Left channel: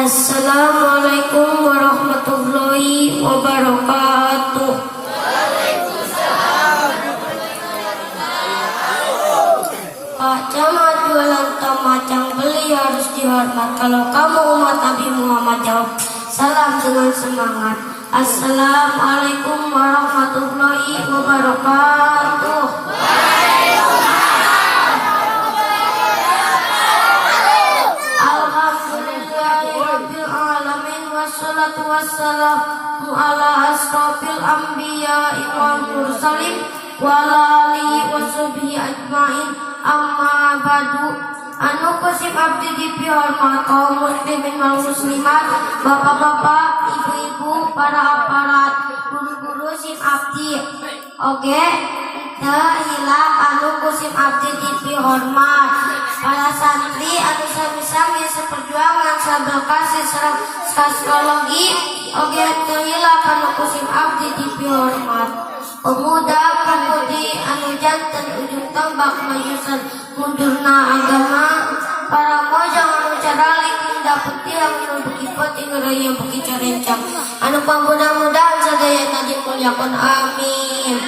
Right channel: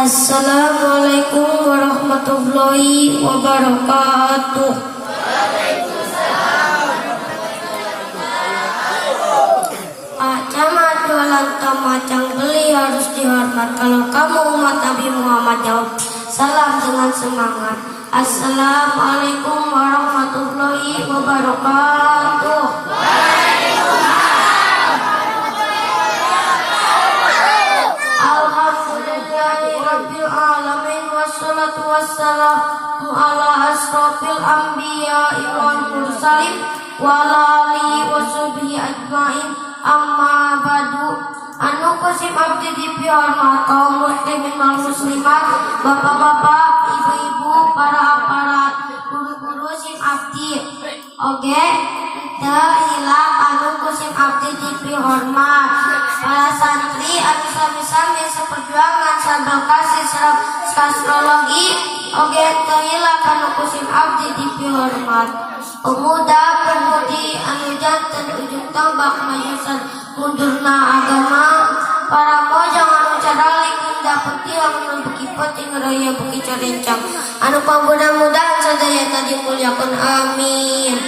Assalamualaikum warahmatullahi wabarakatuh. Jamaah jualan macam beli harus dihormat. Kalau kamu umat Nabi Muhammad jawab salam dengan semangat. Assalamualaikum warahmatullahi wabarakatuh. Alhamdulillahirabbil alamin wassalatu wassalamu ala asrofil anbiya'i wal mursalin wa ala alihi washabihi ajmain. Amma ba'du. Anu kusim abdi dipihormat kaum muslimin wal muslimat, bapak-bapak, ibu-ibu, para aparat, guru-guru sim abdi oge teu hilang anu kusim abdi dipihormat, para santri anu sami-sami seperjuangan sabel kasih serap astrologi oge teu hilang anu kusim abdi dipihormat. Pemuda pemudi anu janten ujung tombak mayusan mundurna agama, para mojong anu cadalik indah putih anu bekipot ingraya beki carencang anu pamudah-mudahan sadayana dimuliakeun amin.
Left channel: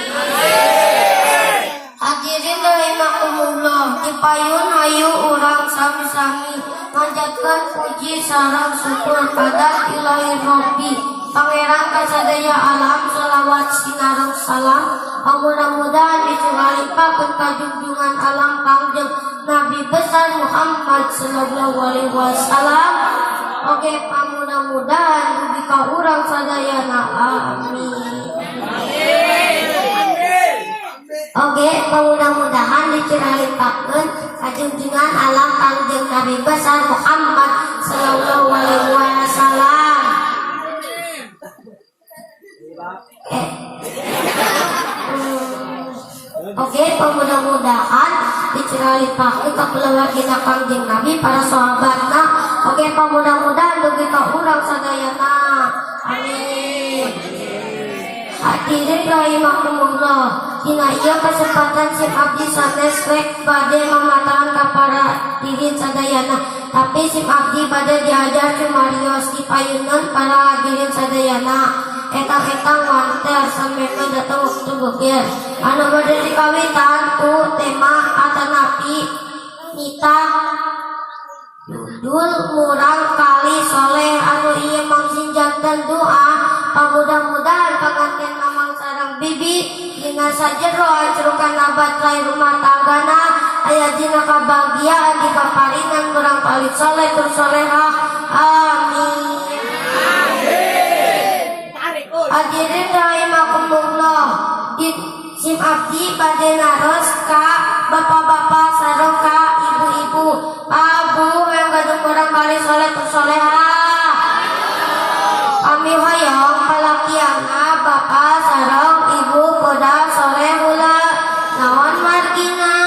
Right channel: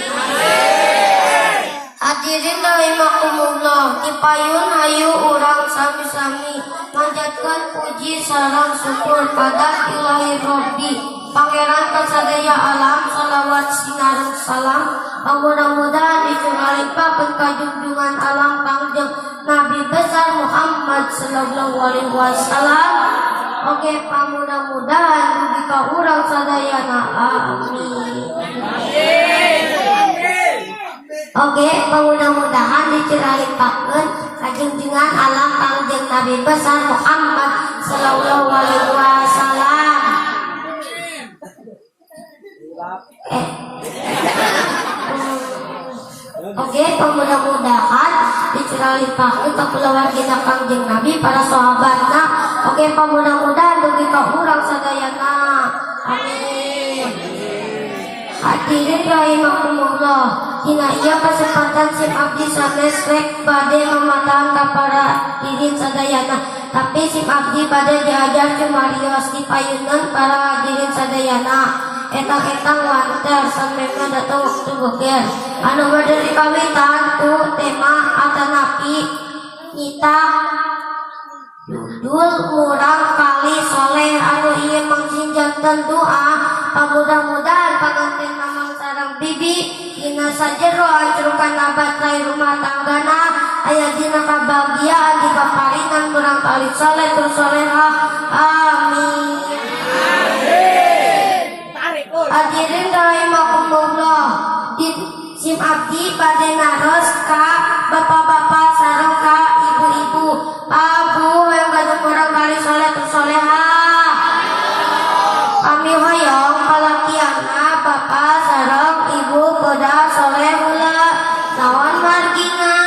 Hadirin rahimakumullah, dipayun hayu urang sami-sami manjatkeun puji sareng syukur pada Ilahi Rabbi Pangeran kasadaya alam, salawat sinareng salam mudah-mudahan dicuralipakeun ka junjungan alam kangjeng Nabi besar Muhammad sallallahu alaihi wasallam oge pamudah-mudahan dugi ka urang sadayana amin. Oge pamudah-mudahan dicuralipakeun ka junjungan alam kangjeng Nabi besar Muhammad sallallahu alaihi wasallam. Oke, mudah-mudahan dicuralipakeun ka kulawargina Kangjeng Nabi para sahabatna. Oke, mudah-mudahan dugi ka urang sadayana. Amin. Hadirin rahimakumullah, dina ieu kesempatan sim abdi sanes rek bade mamatahan ka para hadirin sadayana. Tapi sim abdi bade diajar cumarios dipayuneun para hadirin sadayana. Etang-etang wanter sampai datang waktu beger anu bade dikawitan ku tema atanapi nita judul murang kali soleh anu ieu mangsin janten doa mudah-mudahan panganten namang sareng bibi dina sajero ancurukan nabat rai rumah tanggana aya dina kabahagiaan di paparinan murang kali soleh tur soleha amin. Hadirin rahimakumullah, sim abdi bade naros ka bapak-bapak sareng ka ibu-ibu, abu yang gadung urang kali soleh tu soleha. Kami hoyong palakiana bapak sareng ibu poda soleh heula. Naon margina?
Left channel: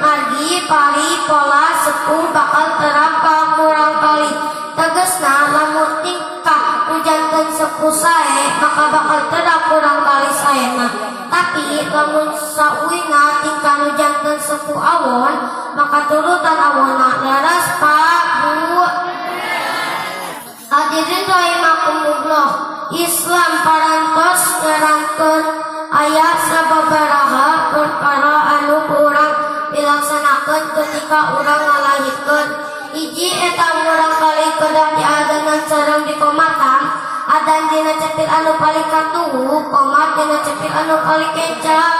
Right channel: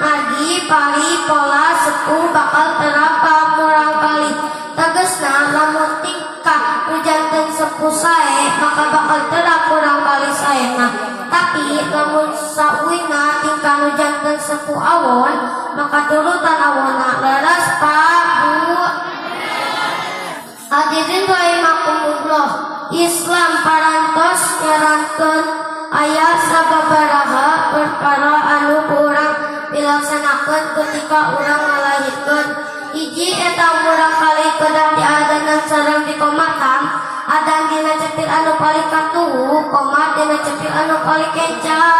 Margi pari pola sepuh bakal terapam urang kali. Tegasna lamun tingkah ujanten sepuh sae maka bakal terap urang kali saena. Tapi lamun sauina tingkah ujanten sepuh awon maka turutan awonna laras pabu. Hadirin rahimakumullah, Islam parantos nyarankeun aya sababaraha perkara anu urang dilaksanakeun ketika urang ngalahirkeun. Hiji eta urang kali kedah diadanan sareng dikomatan, adan dina cepit anu paling katuhu, komat dina cepit anu paling kenca.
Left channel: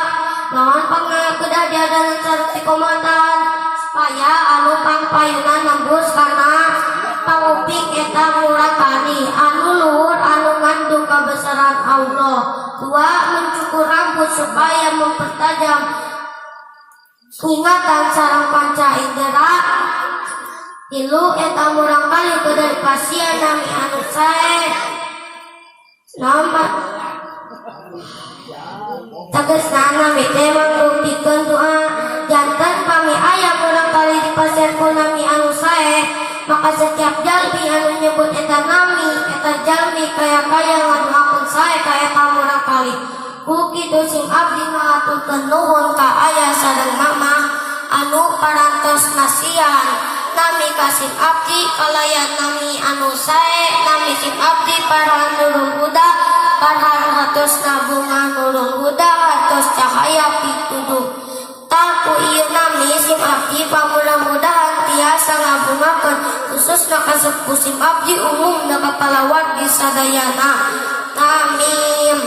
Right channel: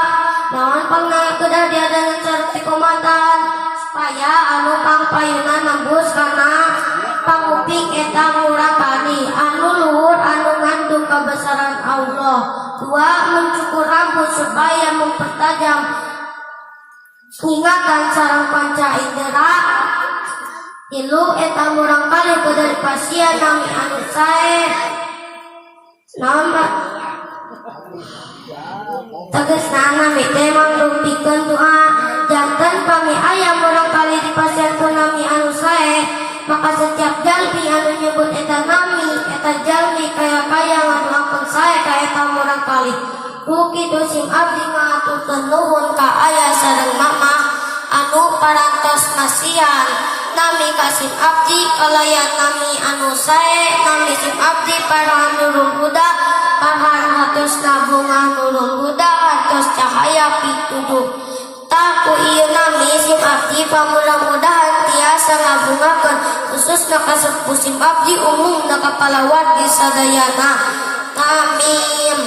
Naon pangna kedah diadanan sareng dikomatan supaya anu pangpayunan nembus kana panguping eta urang kali anu luhur anu ngandung kabesaran Allah. Dua, mencukur rambut supaya mempertajam ingatan sareng panca indera. Tilu, eta murang kali kedah pasien nami anu sae nama tegasna nami teh mangdumpikeun doa janten pami aya murang kali di pasien ku nami anu sae maka setiap jalmi anu nyebut eta nami eta jalmi kaya-kaya ngaduakeun sae ka eta murang kali. Ku kitu sing abdi ngaturkeun nuhun ka aya sareng mama anu parantos nasian nami kasim abdi kalayan nami anu sae nami sim abdi para nurul huda para hatos nabungan nurul huda hatos cahaya pituduh taku ieu nami sim abdi pamudah-mudahan tiasa ngabungakeun khusus kasep sim abdi umum da kapalawat di sadayana amin.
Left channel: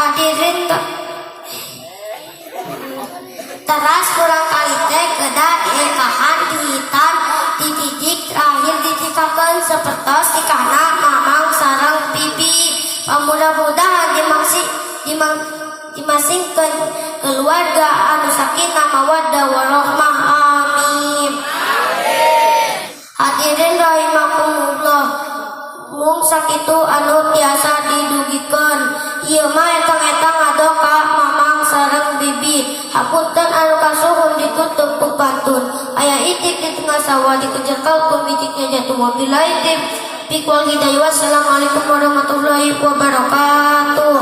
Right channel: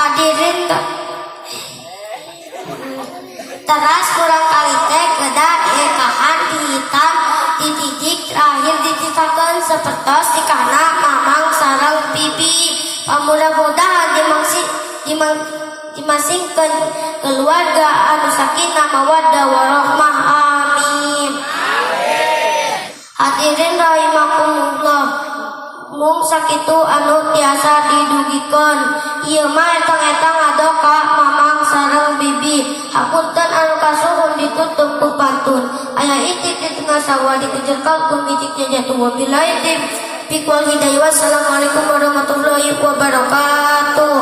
Hadirin teras kurang kali teh kedah diekahan dihitan dididik terakhir ditikakeun sapertos tikana mamang sareng bibi pamudah-mudahan dimasingkeun keluarga anu sakinah mawaddah warahmah amin. Hadirin rahimakumullah, mung sakitu anu tiasa didugikeun ieu mah eta ngadoka mamang sareng bibi hapunten anu kasuhun ditutup ku pantun aya itip di tengah sawah dikujengkel ku bitiknya jatuh wabillahi taufiq wal hidayah. Wassalamualaikum warahmatullahi wabarakatuh.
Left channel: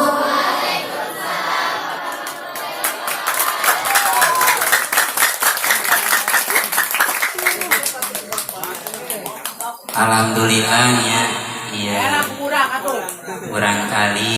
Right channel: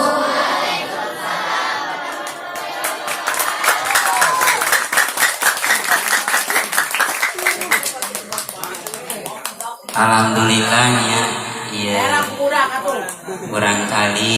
Alhamdulillahnya ya kurang kali